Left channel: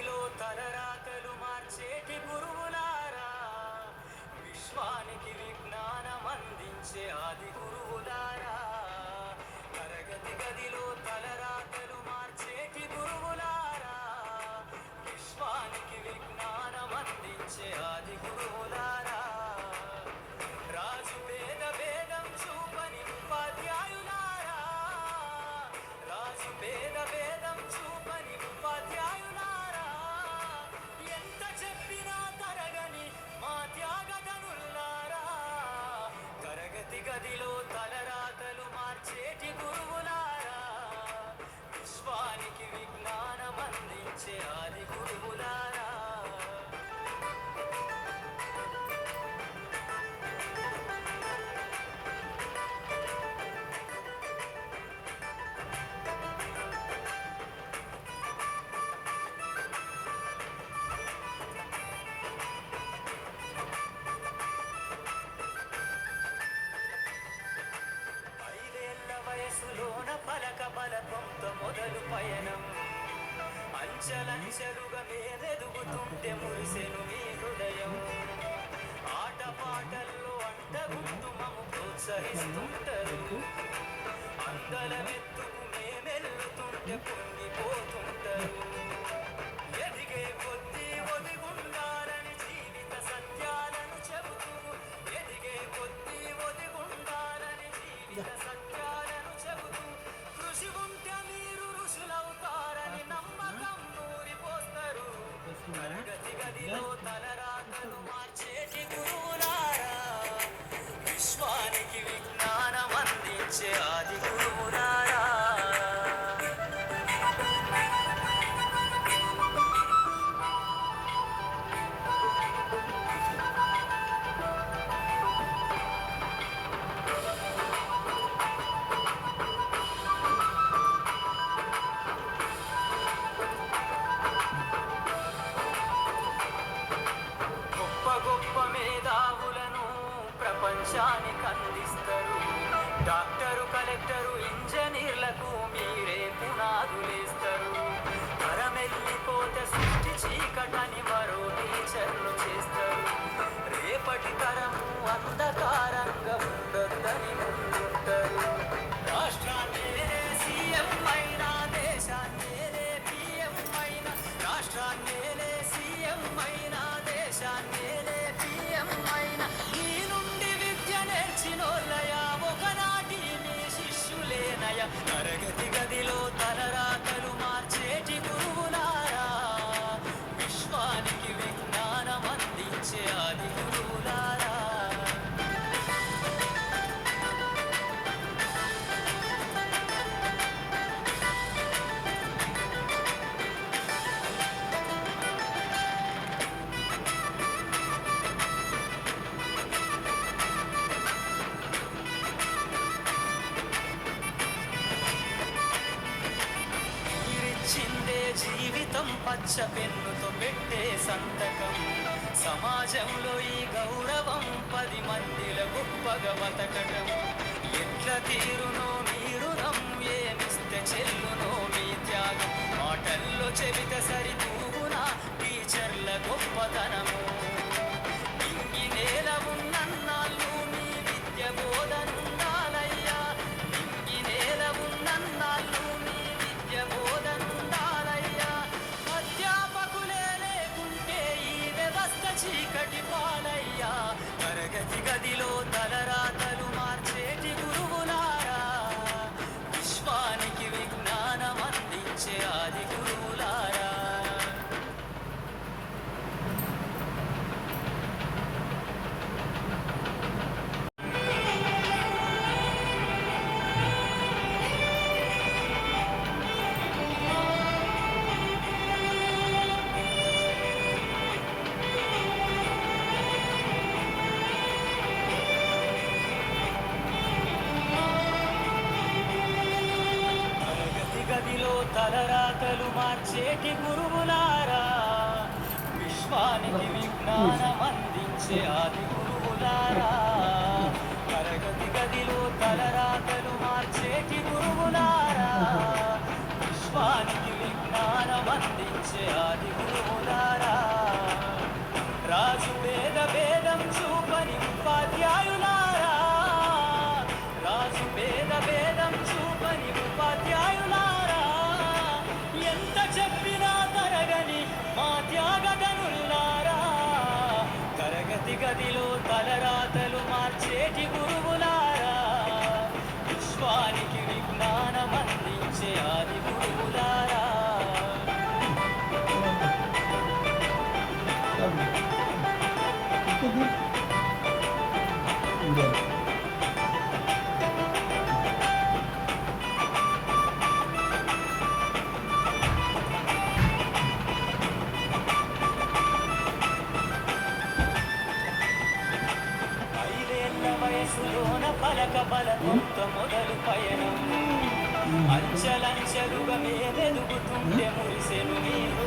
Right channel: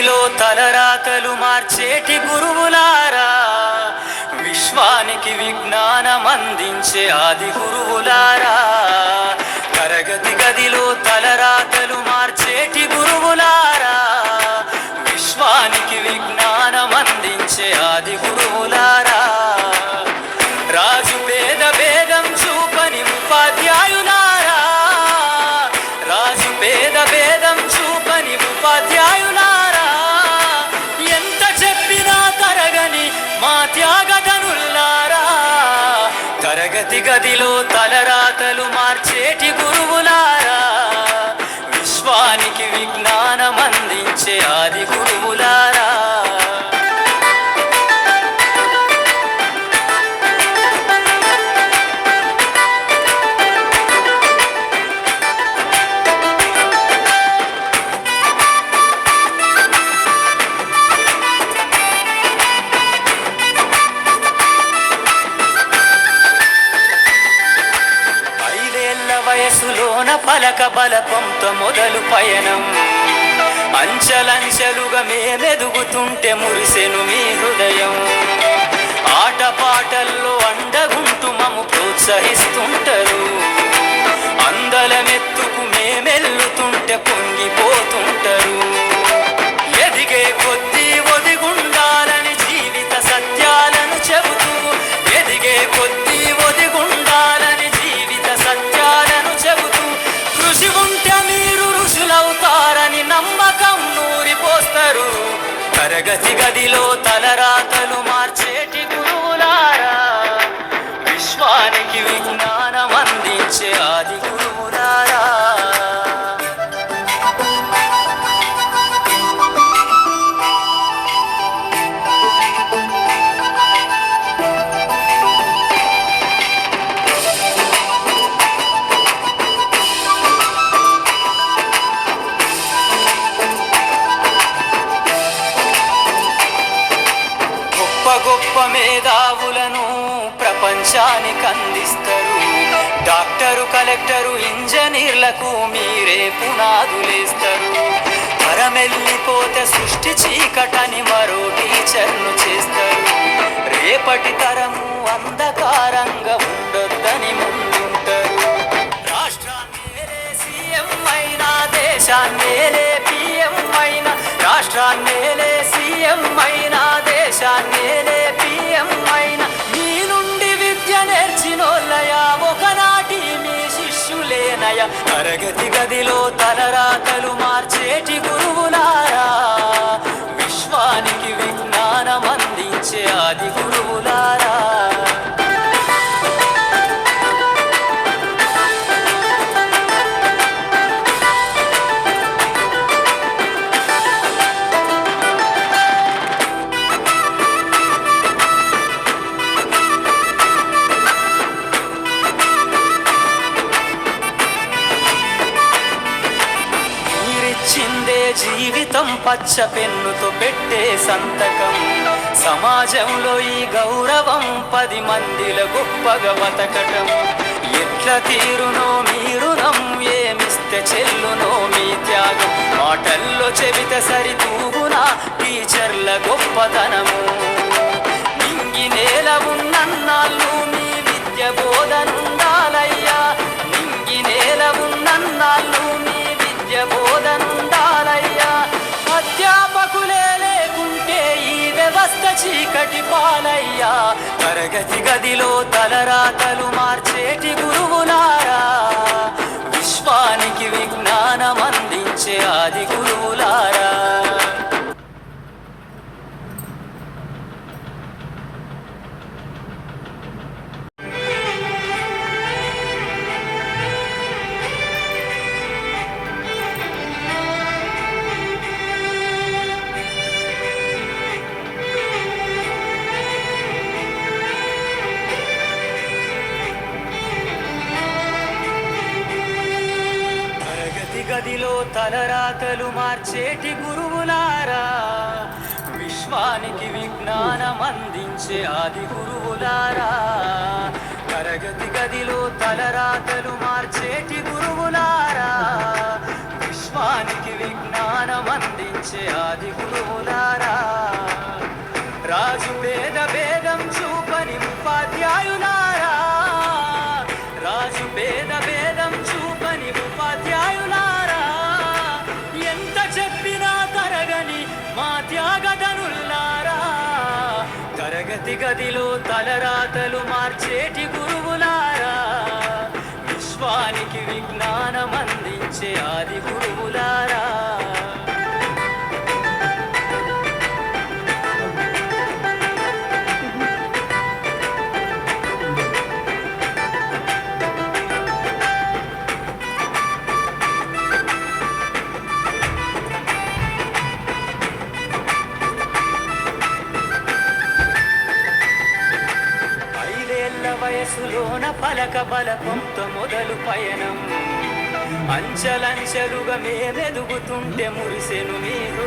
గదిలో తలరాతలు మార్చేటి గురువులారా, విశ్వానికి విజ్ఞానం అందించే ఆది గురువులారా. తరగతి గదిలో తలరాతలు మార్చేటి గురువులారా, విశ్వానికి విజ్ఞానం అందించే ఆది గురువులారా. రాజు పేద భేదం చూపని ఉపాధ్యాయులారా, రాజు పేద భేదం చూపని ఉపాధ్యాయులారా. ఎంత చెప్పినా తరగని మా త్యాగధనుల్లారా, తరగతి గదిలో తలరాతలు మార్చేటి గురువులారా, విశ్వానికి విజ్ఞానం అందించే ఆది గురువులారా. వయసులోన పలక బలపంతో మొదలు పయనం, అంచలంచెలుగా మేమెదుగుతుంటే మురిసెను మీ హృదయం. ఆటపాటల్లో అండగుంటూ మము ప్రోత్సహిస్తుంటారు, అందలమెత్తుకు మేమెల్లుతుంటే పొంగిపోతుంటారు. ఎదిగే కొద్దీ ఒదిగుండాలని జీవిత సత్యాలను చెబుతూ, ఎదిగే కొద్దీ ఒదిగుండాలని జీవిత సత్యాలను చెబుతూ, కృషి ఉంటే మీరు ఋషులవుతారని నమ్మకం నూరిపోస్తారు. తరగతి గదిలో తలరాతలు మార్చేటి గురువులారా, విశ్వానికి విజ్ఞానం అందించే ఆది గురువులారా. గొప్ప మేధావులను ప్రపంచానికి అందిస్తారు. డాక్టరు, కలెక్టరు, ఇంజనీర్లకు మీరే పునాదులేస్తారు. తరమెల్లిపోతే సృష్టి చీకటని మరో టీచర్ను చేస్తారు. రేపటి తరము అంధకారంగా ఉండొద్దని ముందుంటారు. రాష్ట్రాన్నేలే సీఎం అయినా, దేశాన్నేలే పిఎం అయినా, రాష్ట్రాన్నేలే సీఎం అయినా, దేశాన్నేలే పిఎం అయినా, మీ నుండి విద్య నేర్చినోళ్ళయా, ఒకనాటి మీ శిష్యులేనయ. తరగతి గదిలో తలరాతలు మార్చేటి గురువులారా, విశ్వానికి విజ్ఞానం అందించే ఆది గురువులారా. చిందే జీవితం పచ్చ పెన్నుతో పెట్టే సంతకం, సమాజంలో ఈ గౌరవం 10 మందిల గొప్పగా బతకటం. ఎట్ల తీరునో మీ రుణం, ఏమిస్తే చెల్లునో మీ త్యాగం. మాటల్లో చెబితే సరితూగునా టీచర్ల గొప్పతనము. నింగి నేల ఉన్నన్నాళ్ళు మీ విద్య బోధనుండాలయ్యా, నింగి నేల ఉన్నన్నాళ్ళు మీ విద్య బోధనుండాలయ్యా. అధ్యాపకులే లేకుంటే ఈ వ్యవస్థ చీకటి పాలయ్యా. తరగతి గదిలో తలరాతలు మార్చేటి గురువులారా, విశ్వానికి విజ్ఞానం అందించే ఆది గురువులారా. గదిలో తలరాతలు మార్చేటి గురువులారా, విశ్వానికి విజ్ఞానం అందించే ఆది గురువులారా. తరగతి గదిలో తలరాతలు మార్చేటి గురువులారా, విశ్వానికి విజ్ఞానం అందించే ఆది గురువులారా. గదిలో తలరాతలు మార్చేటి గురువులారా, విశ్వానికి విజ్ఞానం అందించే ఆది గురువులారా. వయసులోన పలక బలపంత మొదలు పయనం, అంచలంచెలుగా మేమెదుగుతుంటే మురిసెను మీరు